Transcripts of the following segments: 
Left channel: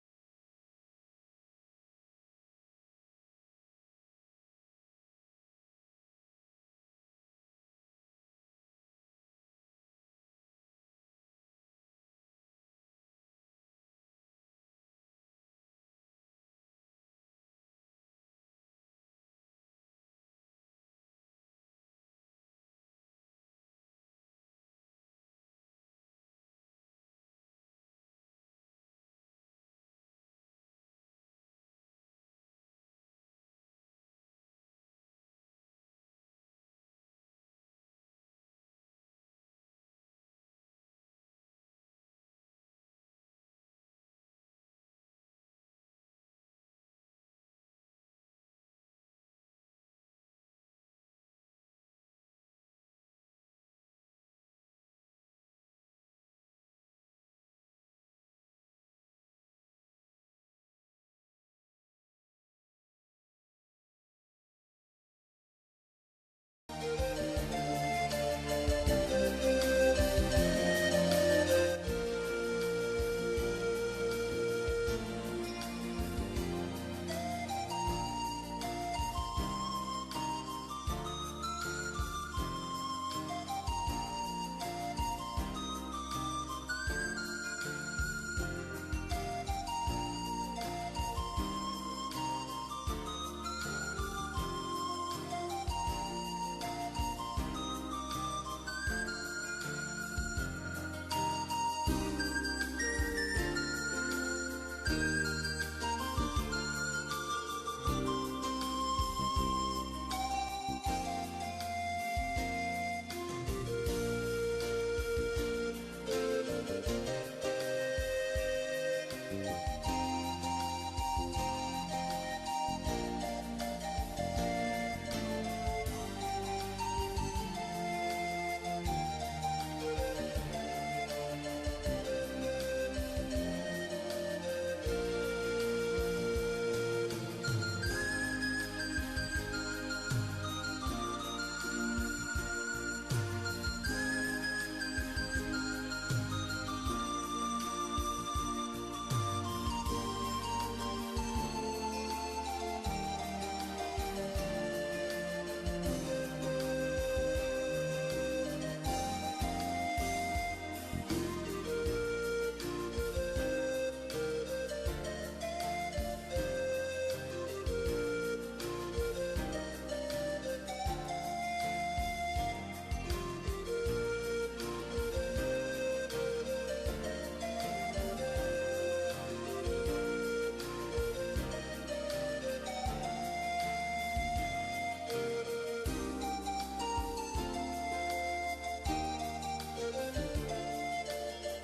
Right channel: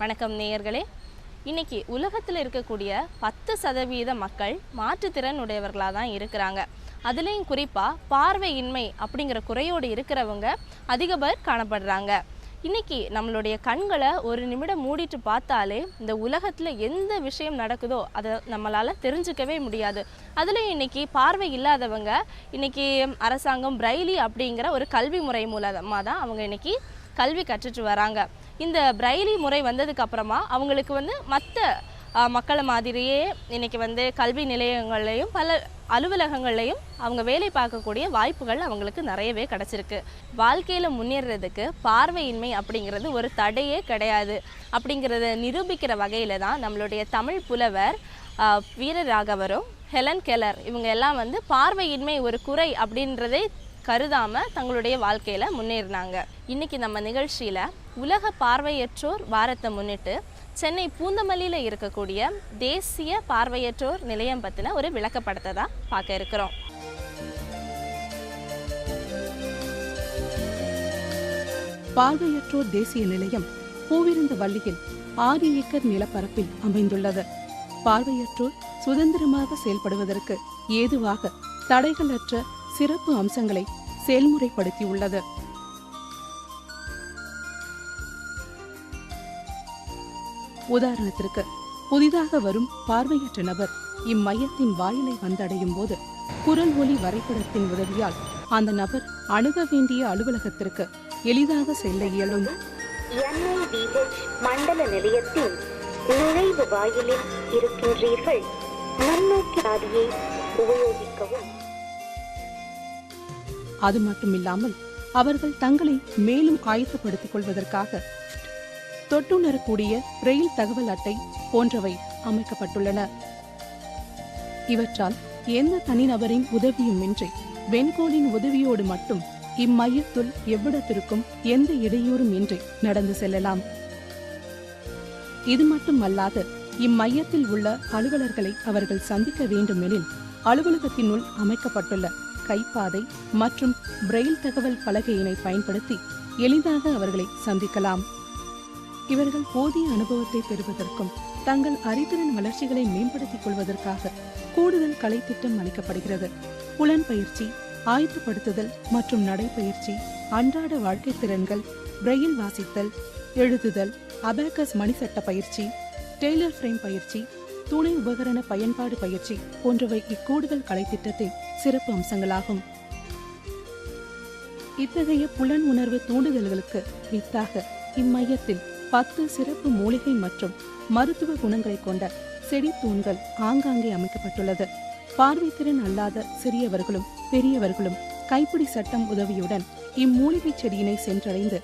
வணக்கம் நேயர்களே. இன்னைக்கு உலகத்தில் இருக்கக்கூடிய 10% மக்கள் மாற்றுத்திறன் உடையவர்களாக தான் இருக்கிறாங்க. அதுலேயும் குறிப்பாக பார்வையின்மை அப்படிங்கிற குறையோடு இருக்கிறவங்க அதிக பேர் காணப்படுறாங்க. இன்னைக்கு நம்மளுடைய கண்களை ஒரு நிமிடம் மூடிட்டு பார்த்தாலே இந்த உலகத்தில் எந்த விஷயம் நடக்குதோ அதை நம்மளால் தெரிஞ்சுக்கவே முடியாது. அதுலேயும் இன்னைக்கு பார்வை இல்லாதவங்க இன்னைக்கு அரசாங்கம் பிரைலி அப்படிங்கிற ஒரு கல்வி முறை மூலமாக தான் அவங்க இன்னைக்கு கல்வி கற்றுட்டு வராங்க. இந்த பிரைலி முறை வந்ததுக்கு அப்புறமா அவங்களுக்கு மற்ற மக்களை மாதிரியே இன்னைக்கு கல்வி நிலையங்கள்லையும் பல அலுவலகங்கள்லையும் அவங்க வேலை பார்க்கக்கூடிய வாய்ப்புகள் அவங்களுக்கு நிறையவே கிடச்சிருக்கு. வாழ்க்கையில் முன்னேறதுக்கு பார்வையின்மை அப்படிங்கிறது ஒரு தடையே கிடையாது அப்படிங்கிறத நிரூபிக்கிற வகையில் தான் நம்மளுடைய தமிழ் புலவர் வீரராகவரும் ஹெலன் கெல்லர் இவங்க எல்லாம் பார்வையின்மை ஒரு குறை அப்படின்றதை கருதாமல் தங்களுடைய வாழ்க்கையில் முன்னேறினாங்க. இன்றைக்கி நம்ம நிகழ்ச்சியில் உலக பார்வையற்றோர் வாரத்தை முன்னிட்டு சென்னை பூந்தமல்லியில் இருக்கக்கூடிய தேசிய பார்வையற்றோர் நிலையம் பற்றின ஒரு விளக்கப்படத்தை தான் பார்க்க இருக்கிறோம். பார்வையற்றோர் தேசிய நிலையம் பூவிருந்த வள்ளியில் 6 ஏக்கர் நிலப்பரப்பில் அமைந்துள்ளது. பார்வையற்றோர் சுதந்திரமாக செயல்படுவதற்கு ஏதுவாக தடைகளற்ற சிறப்பு அம்சங்களை செயல்முறைப்படுத்தியுள்ளது. உதாரணத்திற்கு, புதிதாக வரும் பார்வையற்ற நபர் இம்மையத்தின் வாயிலை வந்தடையும் போது குரல் ஒலி வரைபடத்தின் உதவியால் அந்த நபர் அணுக வேண்டிய அலுவலகத்திற்கு எளிதாக செல்ல இயலும். மண்டல நிலையத்தின் நுழைவு வாயிலில் இருக்கின்றீர்கள். முன்னோக்கி பாதையை உபயோகிக்கவும். அது மட்டுமில்லாமல் அவர்கள் தங்களை மேலும் ஆயத்தப்படுத்திக் கொள்வதற்காக தொட்டுணரக்கூடிய ரயில் தகவல் அட்டை போன்றவை அமைக்கப்பட்டுள்ளன. இவற்றால் எந்த தனிநபரின் உதவியும் இன்றி வெண்கோலின் உதவியோடு மட்டும் இம்மையத்துள் எவ்விடத்திற்கும் எந்த இடையூறும் இன்றி நடந்து செல்லலாம். இது மட்டுமல்லாது இம்மையத்தில் உள்ள அலுவலர்களை அவர்கள் சந்திக்க வேண்டுமெனில் அலுவலகத்தினுள் அமைக்கப்பட்டுள்ள கைப்பாதை மற்றும் பிரெயில் தகவல் பலகையினை பயன்படுத்தி எளிதாக அவர்களை சந்திக்கலாம். இவர்கள் போதிய அனுபவத்தை பெறுவதற்கும் தங்கள் அறிதிறன் வளர்ச்சிகளை மேம்படுத்திக் கொள்வதற்காக கூடுதல் கலைத்திட்டம் அளிக்கப்படுகிறது. புலன் பயிற்சி, ஆயத்தப்படுத்துதல் மற்றும் நடைப்பயிற்சி, அன்றாட வாழ்க்கை திறன்கள், பிரெயில் வாசித்தல், எழுதுதல், அபாக்கஸ் மணிசட்ட பயிற்சி, டெய்லர் ஃப்ரேம் பயிற்சி, துணை உபகரண பயன்பாடு பயிற்சி போன்றவை இக்கூடுதல் கலைத்திட்டத்தின் சிறப்பு அம்சங்களாகும். இத்தகைய புலன் உணர்வு தூண்டுதல்களுக்கு வித்தாக இம்மையத்தில் 10 சிறப்பு மூலிகை மற்றும் மருத்துவ குணங்களை கொண்ட செடி தூண்கள் ஆங்காங்கே அமைக்கப்பட்டுள்ளது. பார்வைத்திறன் அல்லாத சிறியவர்களும் பெரியவர்களும் கைப்பிடி சட்டம் உதவியுடன் இம்மூலிகை செடியினை சென்றடைந்து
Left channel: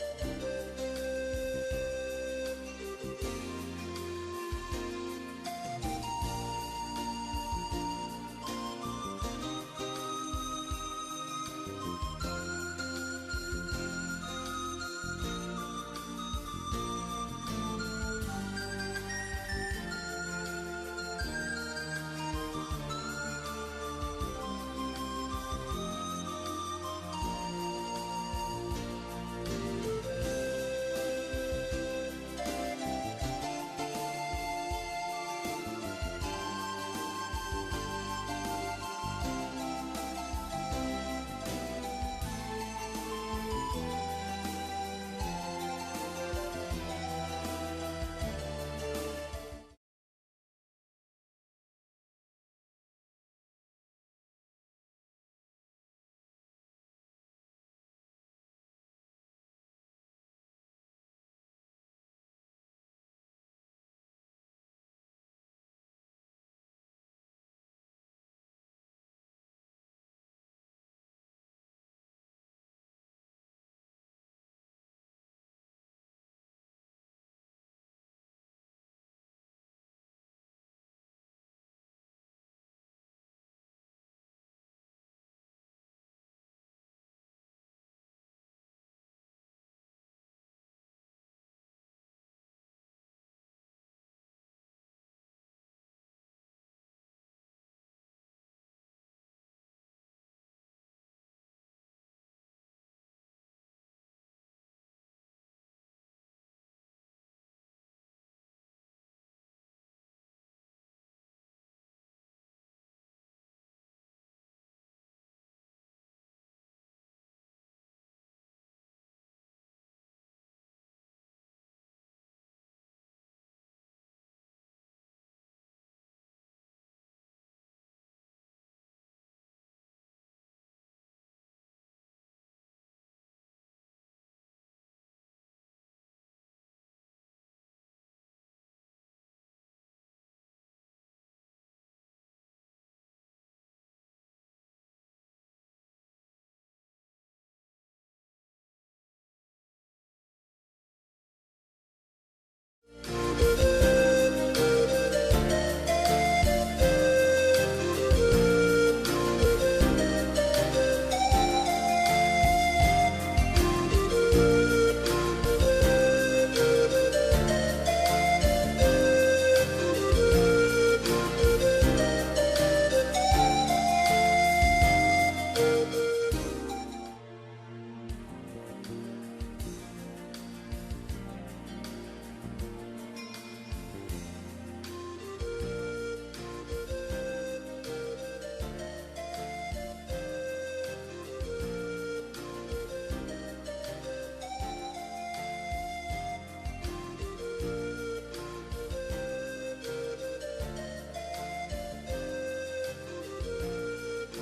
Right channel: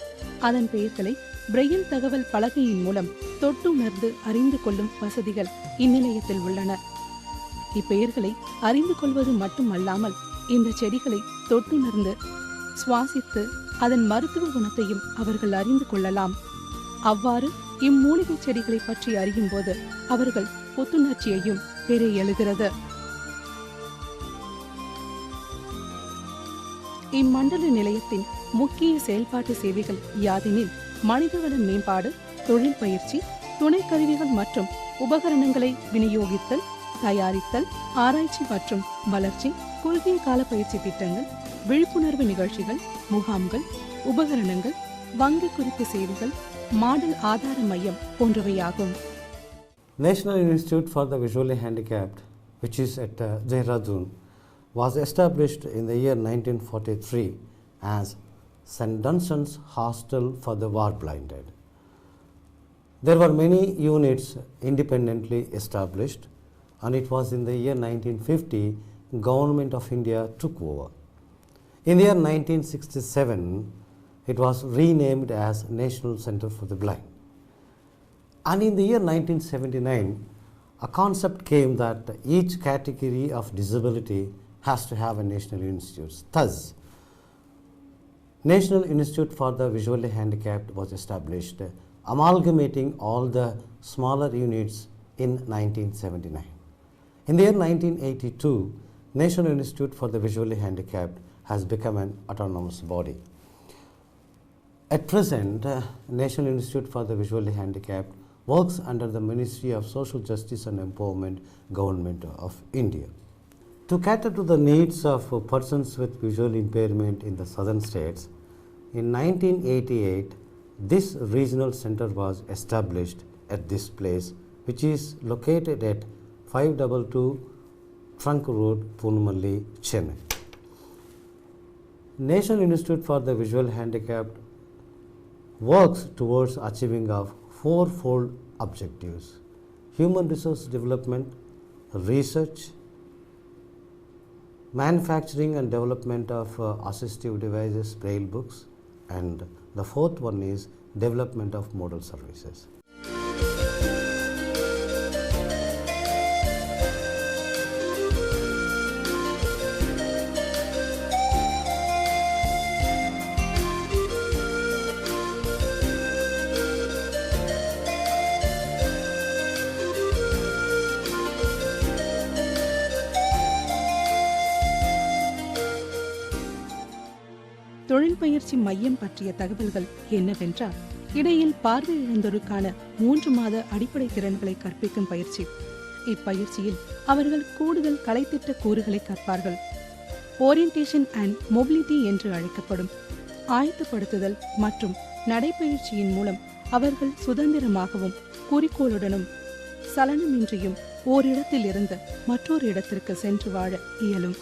அதன் பெயர்களை பிரெயில் தகவல் பலகையின் மூலம் தொட்டுணர்ந்து அறிந்து கொள்ளும் வசதிகள் இந்நிலையத்தில் உள்ளன. இப்பெயர்களை அறிந்து கொள்வது மட்டுமல்லாமல் இந்த செடிகளை தொட்டுணர்ந்து சுவாசித்து அதன் மருத்துவ குணத்தையும் அவர்கள் அறிந்து கொள்ளலாம். அவ்வாறு இம்மூலிகை செடிகளை பற்றி அறியும் போது அவர்கள் புத்துணர்ச்சியையும் பெற எழுகிறது. இம்மண்டல நிலையத்தின் முக்கிய செயல்பாட்டு சேவைகள் யாதெனில் மனிதவள மேம்பாடு, தொழில் பயிற்சி, துணை கருவிகள் மற்றும் உபகரணங்களை விநியோகித்தல், தயாரித்தல், ஆராய்ச்சி மற்றும் வளர்ச்சி, குறுகிய கால பயிற்சி திட்டங்கள், விழிப்புணர்வு நிகழ்ச்சிகள், முகாம்கள், உபகரணங்கள், வங்கி குறிப்பு சேவைகள், மாடல் ஆதார மையம் போன்றவையாகும். National Institute for the Visually Handicapped, which is at Dehradun, was established in the year 1943 as St. Dunstan's Hostel for the War-Blinded. There were many units independently established, and it was in the year 1950 Government of India took over. In the year 1967, it was renamed as National Center for the Blind. And in the year 1979, a concept came that each category of disability has to have a national institute. Thus, National Institute for the Visually Handicapped was established, amalgamating all the smaller units in 1979. In the year 1982, National Institute for the Visually Handicapped has become an autonomous body. At present, National Institute for the Visually Handicapped works under the Ministry of Social Justice and Empowerment, Government of India. To cater to the needs of persons with visual impairment in the southern states, in 1988, this regional center was established at this place, which is located at 522 Trunk Road, Punamalli, Chennai. National Institute for the Visual Handicapped works towards achieving of fourfold objectives: human resource development, research, manufacturing and development of assistive devices, braille books, and the fourth one is development of modal services. தொழில் பயிற்சி மையம் பற்றிய தகவல்கள் என்னவென்றால், இடையில் பார்வை இழந்தோருக்கான 3 மாத அடிப்படை திறன்களை கற்பிக்கும் பயிற்சி. இப்பயிற்சியில் அவர்கள் கூடுதல் கலைத்திட்ட கூறுகளை கற்பார்கள். ஓரியன்டேஷன் அண்ட் மொபிலிட்டி என்று அழைக்கப்படும் ஆயத்தப்படுத்துதல் மற்றும் நடைப்பயிற்சியின் மூலம் அவர்கள் சுதந்திரமாகவும் குறிக்கோளுடனும் சலனமின்றியும் ஓரிடத்தில் இருந்து மற்றொரு இடத்திற்கு சென்று வாழ இயலும்.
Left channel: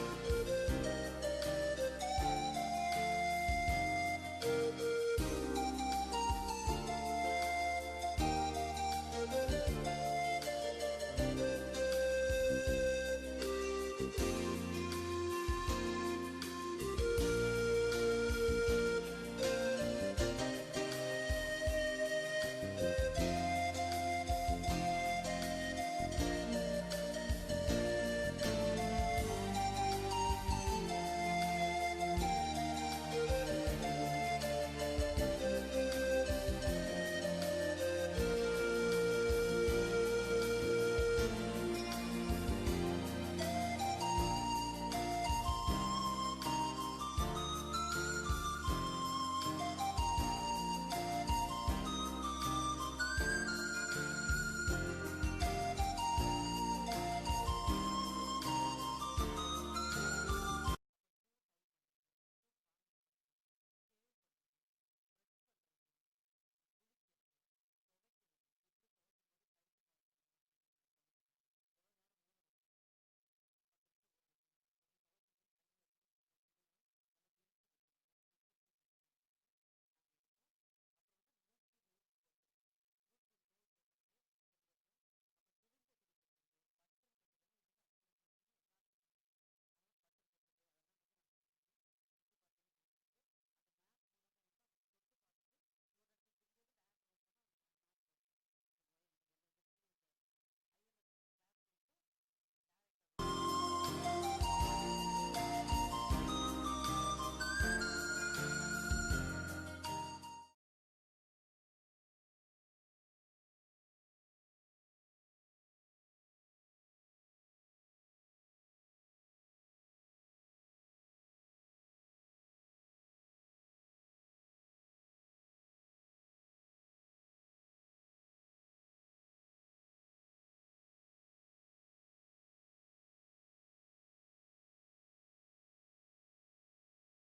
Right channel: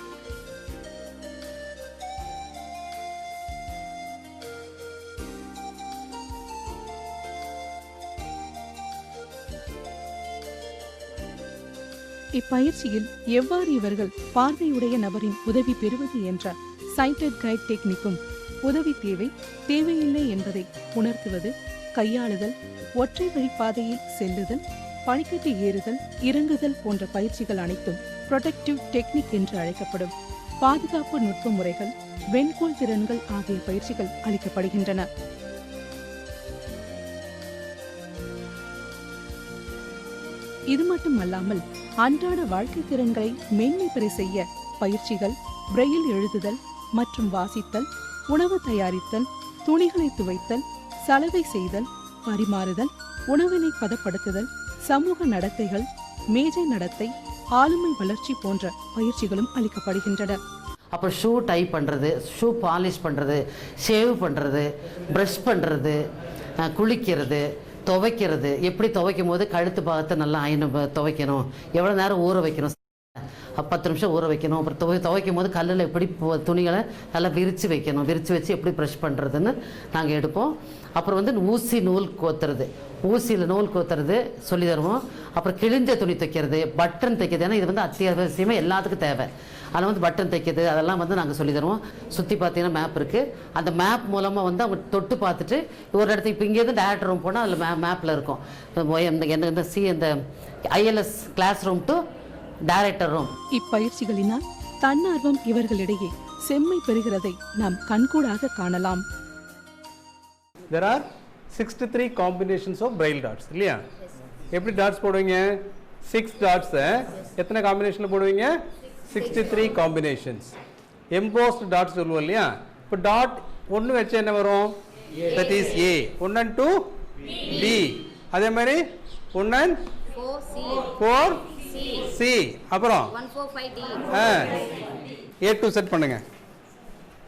இப்பயிற்சியில் எவ்வாறு இவர்கள் பார்வையுடைய நபரின் உதவி பெறுவது என்ற சைட்டட் கைட் டெக்னிக்கும், உதவி தேவையில்லை என்பதை உணர்த்துவது, கையாளுதல், ஒற்றை வழி பாதையில் செல்லுதல், படிக்கட்டு ஏறுதல், இறங்குதல் போன்ற பயிற்சிகள் அனைத்தும் ப்ரொடெக்டிவ் டெக்னிக் என்று அழைக்கப்படும் பாதுகாப்பு நுட்ப முறைகள், வெண்கோள் திறன்கள் ஆகிய பயிற்சிகள் அளிக்கப்படுகின்றன. இது மட்டுமல்லாமல் அன்றாட வாழ்க்கை திறன்களை மேன்மை பெற செய்ய பயிற்சிகள், பிரெயில் எழுதுதல் மற்றும் வாசித்தல், உணவு தயாரித்தல், துணிகளை துவைத்தல், சலவை செய்தல், பரிமாறுதல், உணவினை பதப்படுத்துதல், சமூக நடத்தைகள், மேஜை நடத்தை, ஆளுமை வளர்ச்சி போன்ற பயிற்சிகளும் அளிக்கப்படுகின்றன. அப்போ ஷூ டை பண்ணுறது, ஷூ பாலிஷ் பண்ணுறது, ஷேவ் பண்ணுறது, ப்ரஷ் பண்ணுறது, குளிக்கிறது, துவைக்கிறது, எப்படி துவைக்கும் போது கழுத்து பாகத்தை நல்லா துவைக்கணும், எவ்வளோ நேரம் ஊற வைக்கணும், 10 நிமிஷம் ஊற வைக்கணும், அப்புறம் துவைக்கும் போது கல்லில் எப்படி துணிகளை நல்லா விரித்து வைக்கணும், விரித்து வச்சு எப்படி ப்ரஷ் பண்ணுறதுன்னு நாங்கள் எடுப்போம். அப்புறம் வந்து ஊசி நூல் கோத்துறது, ஊசியில் நூல் கோத்துறது சொல்லி தருவோம். அப்புறம் கிழிஞ்ச துணி தைக்கிறது, பட்டன் தைக்கிறது, ஏன்னா இது வந்து அத்தியாவசியமாக எல்லாத்துக்கும் தேவை. அதில் வந்து பட்டன் தைக்கிறது அதெல்லாம் வந்து நாங்கள் சொல்லி தருவோம். சுற்றி பார்த்தீங்கன்னா மேப் இருக்குது, அந்த மேப் மூலமாக வந்து அவங்க தொட்டு பார்த்துட்டு ஒரு இடத்துக்கு இப்போ இங்கேருந்து டேரக்டர் ரூம் போனால் அதில் மேப்பில் இருக்கும் இந்த ILS class room to director room. இப்பயிற்சிகளினால் தன்னார்வம் இவர்களிடையே செம்மை பெறுகிறதை நாம் கண்கூடாக காணலாம். There are 63 combinations of braille dots இல்லையா? எப்படி டாட்ஸ் போடுவீங்க? 6 dots எத்தனை காம்பினேஷன்ல போடுவீங்க? 63 காம்பினேஷன்ஸ். எம்போஸ்ட் டாட்ஸ் சொல்லுவோம் இல்லையா? இப்போ டாட் 1 வச்சு என்ன வரும்? that is A. 1 and 2 B. அதே மாதிரி 1 and 4 C. அப்புறம் 1 4 5 D. A to Z பண்ணுங்க.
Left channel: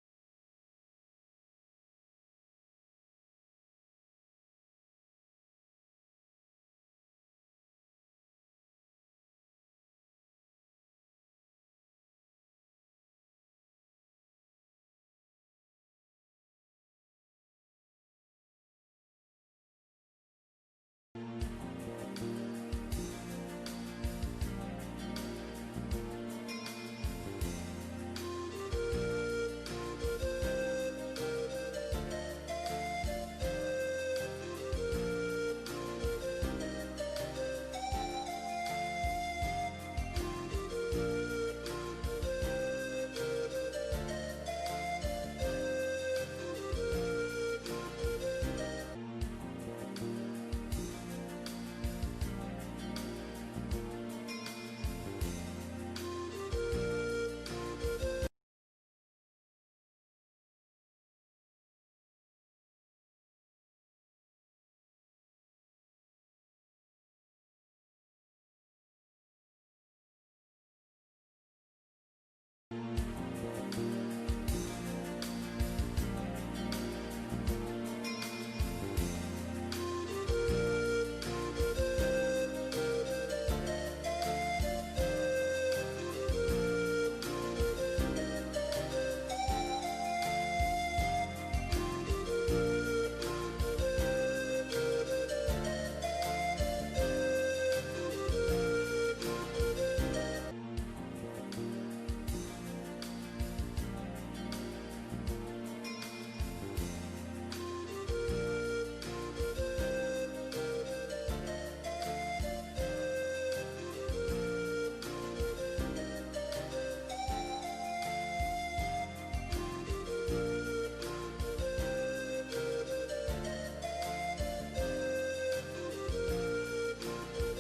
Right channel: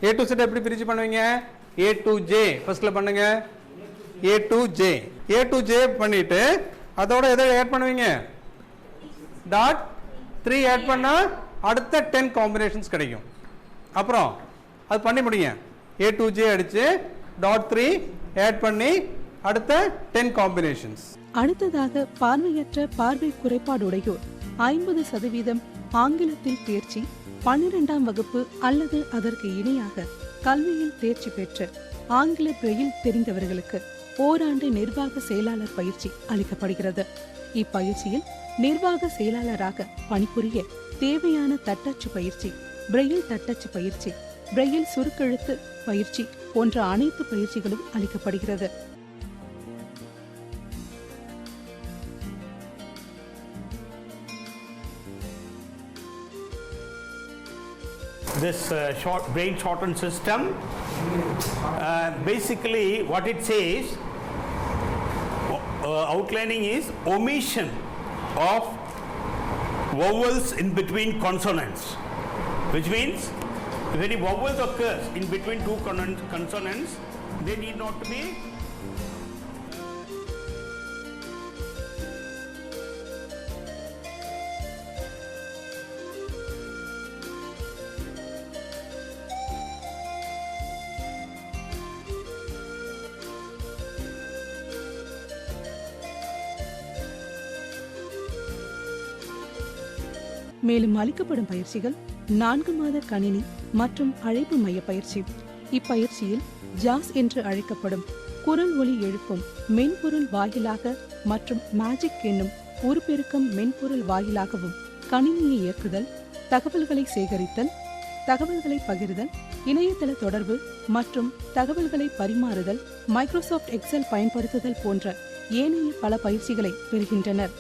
A to Z எப்படி பிரிச்சு பண்ணுவீங்க? A to J ஃபர்ஸ்ட்ல பண்ணுங்க. A to J. A to J பண்ணிட்டு அதோட எதை ஆட் பண்ணுவீங்க? டாட் 3 ஆட் பண்ணா அடுத்த 10 காம்பினேஷன்ஸ் கிடைக்கும். அப்புறம் அது பண்ணி முடிங்க. A to J அடிச்சு டாட் 3 ஆட் பண்ணி அடுத்த 10 காம்பினேஷன்ஸ். அடுத்ததாக பார்வையற்ற பார்வை குறைபாடுடையோர் 50% ஆங்கிலத்தில் தேர்ச்சி, 12ஆம் வகுப்பு அல்லது அதற்கு இணையாக கல்வியில் தேர்ச்சி பெற்ற ஆங்கில பிரெயில் தெரிந்தவர்களுக்கு ஓராண்டு நிர்வாக செயலாளர் பயிற்சி அளிக்கப்படுகிறது. இப்பயிற்சியில் நிர்வாக செயலாளராக பணிபுரிய தேவையான தட்டச்சு பயிற்சி, பிரெயில் தட்டச்சு பயிற்சி, பிரெயில் சுருக்கெழுத்து பயிற்சி போன்ற அனைத்து பயிற்சிகளும் அளிக்கப்படுகிறது. This braille shortened system, basically what it says, outlining is omission of vowels in between consonants, which means if any vowels occurs in between two consonants, they need not to be மேலும் அளிக்கப்படும் பயிற்சிகள் 4 மாத கணினி மற்றும் அழைப்பு மைய பயிற்சி. இப்பயிற்சியில் ஜாஸ் என்று அழைக்கப்படும் குரல் ஒலி எழுப்பும் மென்பொருள் வாயிலாக மற்றும் மேஜிக் என்னும் உருப்பெருக்கம் மென்பொருள் வாயிலாகவும் கணினியை இயக்குதல், தகவல்களை சேகரித்தல், தகவல்களை பகிர்தல், இணையதள தொடர்பு மற்றும் தகவல்களை பரிமாறுதல், மைக்ரோசாஃப்ட் எக்ஸல் பயன்படுத்துதல் போன்ற ஏனைய பல பயிற்சிகளை பெறுகின்றனர்.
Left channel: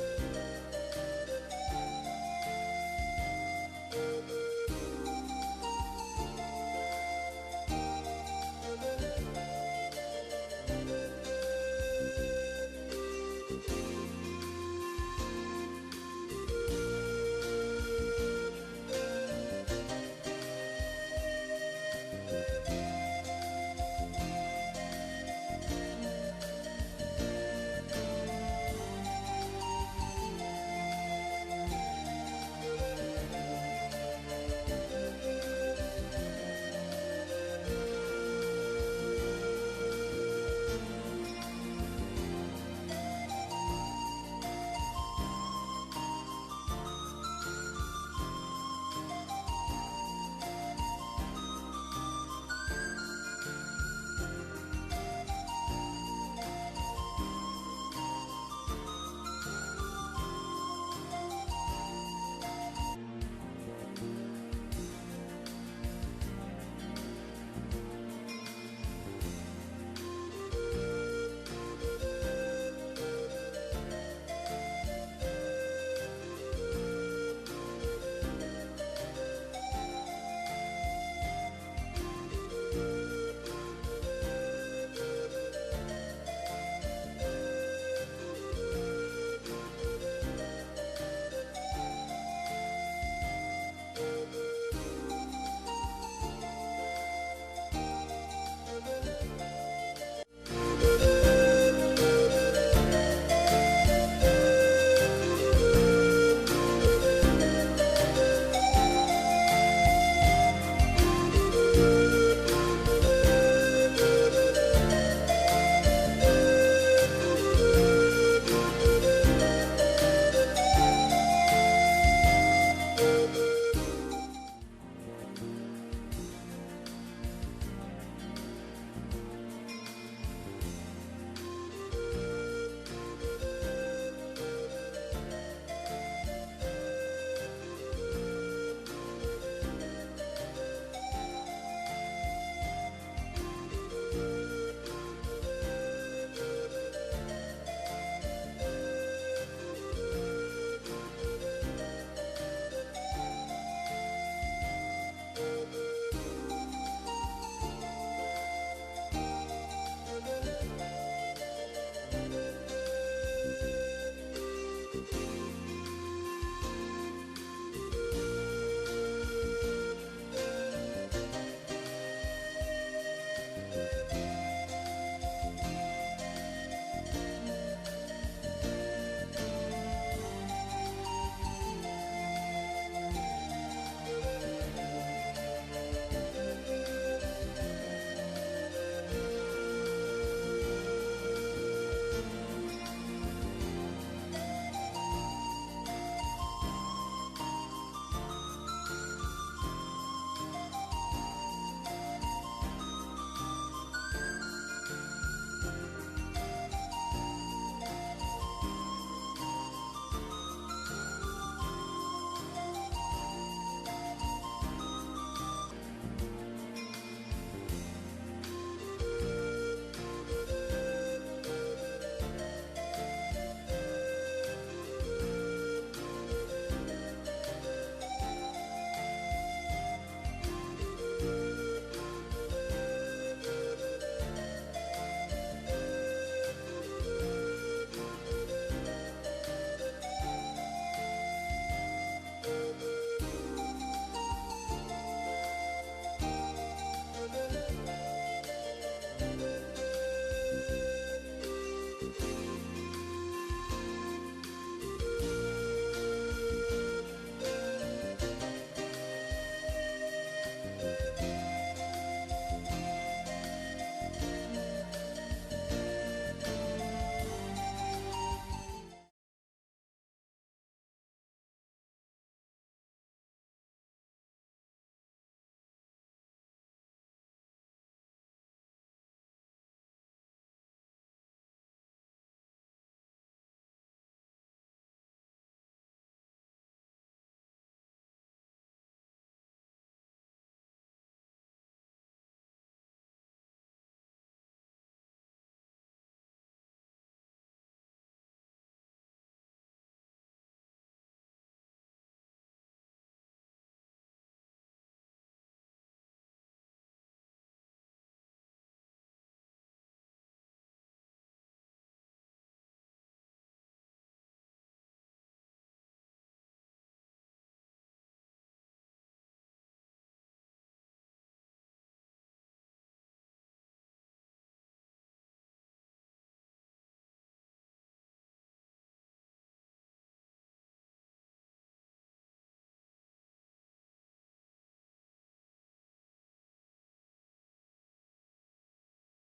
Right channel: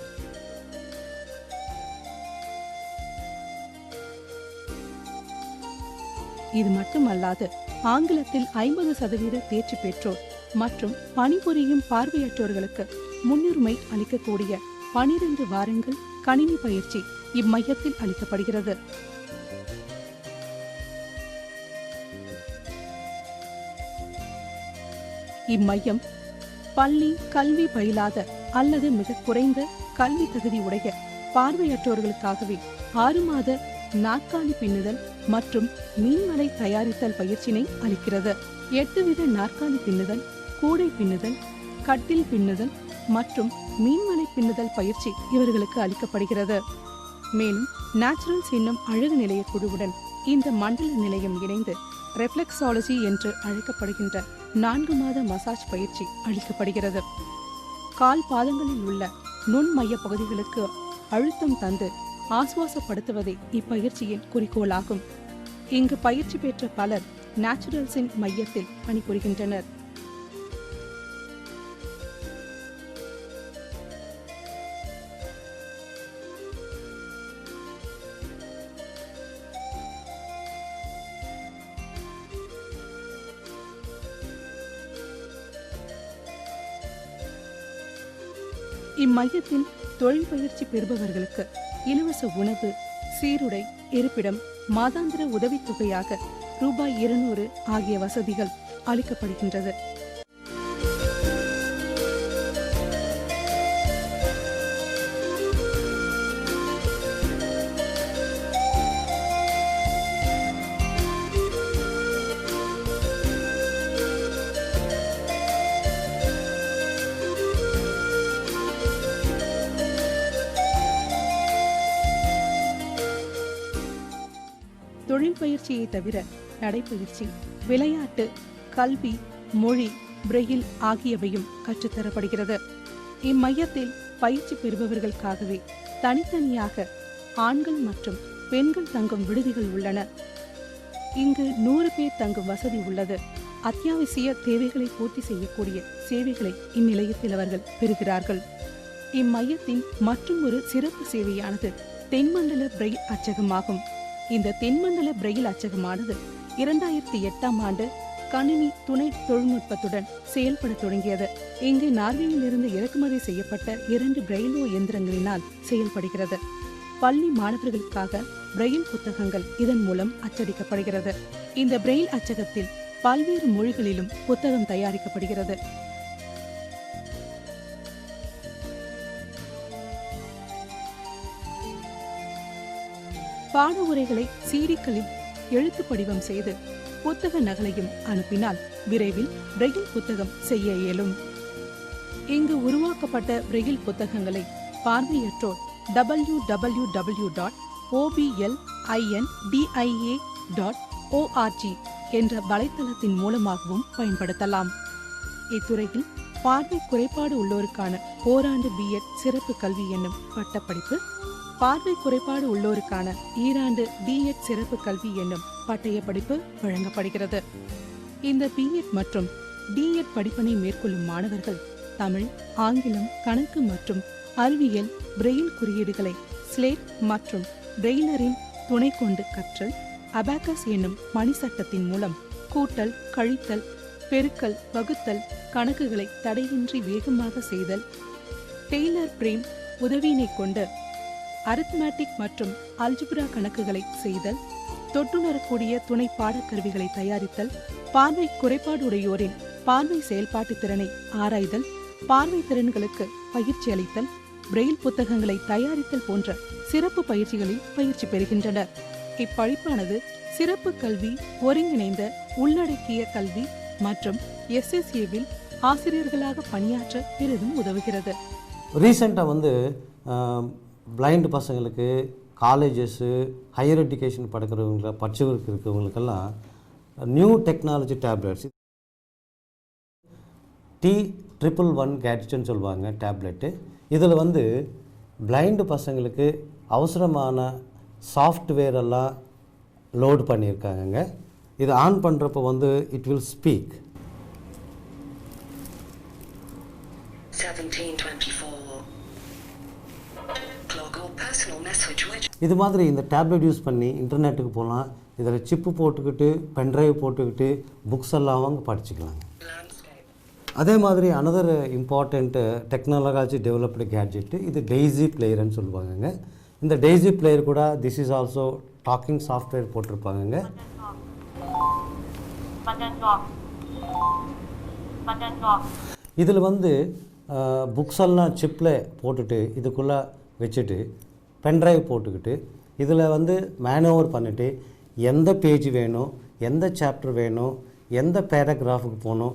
இது மட்டுமல்லாது ஆங்கிலத்தில் 50% தேர்ச்சி பெற்றோர் மற்றும் பணிபுரியும் பார்வையற்றோர்களுக்கு முன்னுரிமை அளிக்கக்கூடிய 12 வாரங்கள் கணினி பயிற்சி இம்மையத்தில் அளிக்கப்படுகிறது. இம்மையம் பள்ளி கல்வி பயிலாத அல்லது மிக குறைந்த கல்வி தகுதி உடைய பார்வையற்றோர்களுக்காகவே 6 மாத நாற்காலி பின்னுதல் மற்றும் மீன்மலை தயாரித்தல் பயிற்சியினை அளிக்கிறது. 8 வித நாற்காலி பின்னுதல், கூடை பின்னுதல், கட்டில் பின்னுதல் மற்றும் மீன்மலை பின்னுதல் பயிற்சி இவர்களுக்கு அளிக்கப்படுகிறது. மேலும் நேச்சுரல்ஸ் என்னும் அழகு நிலைய குழுவுடன் இந்த மண்டல நிலையம் இணைந்து ரெஃப்ளெக்ஸாலஜி என்று அழைக்கப்படுகின்ற 4 மாத மசாஜ் பயிற்சி அளிக்கப்படுகிறது. கால் பாதங்களில் உள்ள நுண் மைய பகுதிகளுக்கு அழுத்தம் தந்து ஆசுவாசப்படுத்துவதே இப்பயிற்சியின் குறிக்கோளாகும். இங்கு பயிற்சி பெற்ற பலர் நேச்சுரல்ஸின் மையத்தில் பணிபுரிகின்றனர். இம்மையத்தின் தொழில் பயிற்சி பெறுபவர்களுக்கு இலவச உணவு, சீருடை, இருப்பிடம், மாதாந்திர உதவித்தொகையாக ரூபாய் 200 ஆகிய வசதிகள் அளிக்கப்படுகின்றது. தொழில் பயிற்சியை தவிர நடைப்பயிற்சி, விளையாட்டு, கல்வி, மொழி, பிரெயில் ஆகியவையும் கற்றுத்தரப்படுகிறது. இம்மையத்தில் பயிற்சி பெறுபவர்களுக்காகவே தனித்தனியாக ஆண்கள் மற்றும் பெண்கள் தங்கும் விடுதிகள் உள்ளன. இங்கு 100 பேர் தங்கும் வசதி உள்ளது. அத்தியாவசிய தேவைகளை பூர்த்தி செய்யக்கூடிய சேவைகளை இந்நிலையத்தில் அவர்கள் பெறுகிறார்கள். இம்மையத்தின் மற்றும் ஒரு சிறப்பு சேவையானது தென்மண்டல பிரெயில் அச்சகமாகும். இந்த தென்மண்டல பிரெயில் அச்சகமானது 2008ஆம் ஆண்டு கணினி துணை தொழில்நுட்பத்துடன் செயல்பட தொடங்கியது. இங்கு நார்வேயிலிருந்து இறக்குமதி செய்யப்பட்ட 2 பிரெயிலோ இயந்திரங்களினால் செயல்படுகிறது. பள்ளி மாணவர்களுக்காக பிரெயில் புத்தகங்கள் இதன் மூலம் அச்சடிக்கப்படுகிறது. இந்த பிரெயில் அச்சகத்தில் பல்வேறு மொழிகளிலும் புத்தகம் தயாரிக்கப்படுகிறது. பாட உரைகளை சீடிக்களில் எழுத்து படிவம் செய்து புத்தக நகலையும் அனுப்பினால் விரைவில் பிரெயில் புத்தகம் செய்ய இயலும். இங்கு உருவாக்கப்பட்ட பிரெயில் புத்தகங்களை பார்வையற்றோர் www.oblindindia.org என்ற வலைத்தளத்தின் மூலமாகவும் பயன்படுத்தலாம். இத்துறையில் பார்வை குறைபாடு உள்ளோருக்கான ஓராண்டு B.Ed சிறப்பு கல்வி என்னும் பட்டப்படிப்பு, பார்வை குறைபாடு உள்ளோருக்கான ஈராண்டு D.Ed சிறப்பு கல்வி என்னும் பட்டய படிப்பு வழங்கப்படுகிறது. இந்த B.Ed மற்றும் D.Ed படிப்பினை மேற்கொள்ளும் மாணவர்கள் தமிழ், ஆங்கிலம், கணக்கு மற்றும் அறிவியல் பிரெயில் குறியீடுகளை ஸ்லேட் மற்றும் பிரெயிலரின் துணை கொண்டு கற்றல், அபாக்கஸ் என்னும் மணிசட்டத்தின் மூலம் கூட்டல், கழித்தல், பெருக்கல், வகுத்தல் கணக்குகளை தடையின்றி வேகமாக செய்தல், டெய்லர் பிரேம் உதவியினை கொண்டு அரித்மேட்டிக் மற்றும் அல்ஜிப்ரா கணக்குகளை செய்தல், தொட்டுணரக்கூடிய துணை பாடக்கருவிகளை தயாரித்தல், பார்வை குறைபாடுடையோரின் பார்வை செயல்பாட்டு திறனை ஆராய்தல், பார்வை திறன்களுக்கு பயிற்சி அளித்தல், பிரெயில் புத்தகங்களை தயாரித்தல் போன்ற சிறப்பு பயிற்சிகளில் பயிற்சி பெறுகின்றனர். இப்படிப்பானது சிறப்பு கல்வி, ஒருங்கிணைந்த உள்ளடக்கிய கல்வி மற்றும் SSAவில் ஆசிரியர்களாக பணியாற்ற பெரிதும் உதவுகிறது. ரீசெண்டாக வந்து பிளைண்ட் பசங்களுக்கு காலேஜஸ்ஸு ஹையர் எஜுகேஷன் படிச்சுக்கிட்டு இருக்கிறவங்களுக்கெல்லாம் நியூ டெக்னாலஜி டேப்லெட்ஸ் T111 கேட்ஜெட்னு சொல்லுவாங்க டேப்லெட்டு. இதில் வந்து பிளைண்டு பசங்களுக்கு அவசரமான சாஃப்ட்வேர் எல்லாம் லோடு பண்ணியிருக்காங்கங்க. இது ஆன் பண்ணுறப்போ வந்து it will speak. 1724 clock or personal message which இது மாதிரி இந்த டேப்லெட் யூஸ் பண்ணி இன்டர்நெட்டுக்கு போகலாம். இதில் சிப்பு போட்டுக்கிட்டு பென்ட்ரைவ் போட்டுக்கிட்டு புக்ஸ் எல்லாம் அவங்க படிச்சுக்கலாங்க. அதே மாதிரி another important technology developed gadget இது டெய்ஸி பிளேயர்னு சொல்லுவாங்கங்க. இந்த டெய்ஸி பிளேயர் கூட this is also talking software போட்டிருப்பாங்கங்க. இதில் வந்து புக்ஸ் எல்லாம் சிப்பில் போட்டுட்டு இதுக்குள்ளே வச்சுட்டு பென்ட்ரைவ் போட்டுக்கிட்டு இதில் வந்து மேனோவர் பண்ணிவிட்டு எந்த பேஜ் வேணும், எந்த சாப்டர் வேணும், எந்த பேராகிராஃபுக்கு போகணும்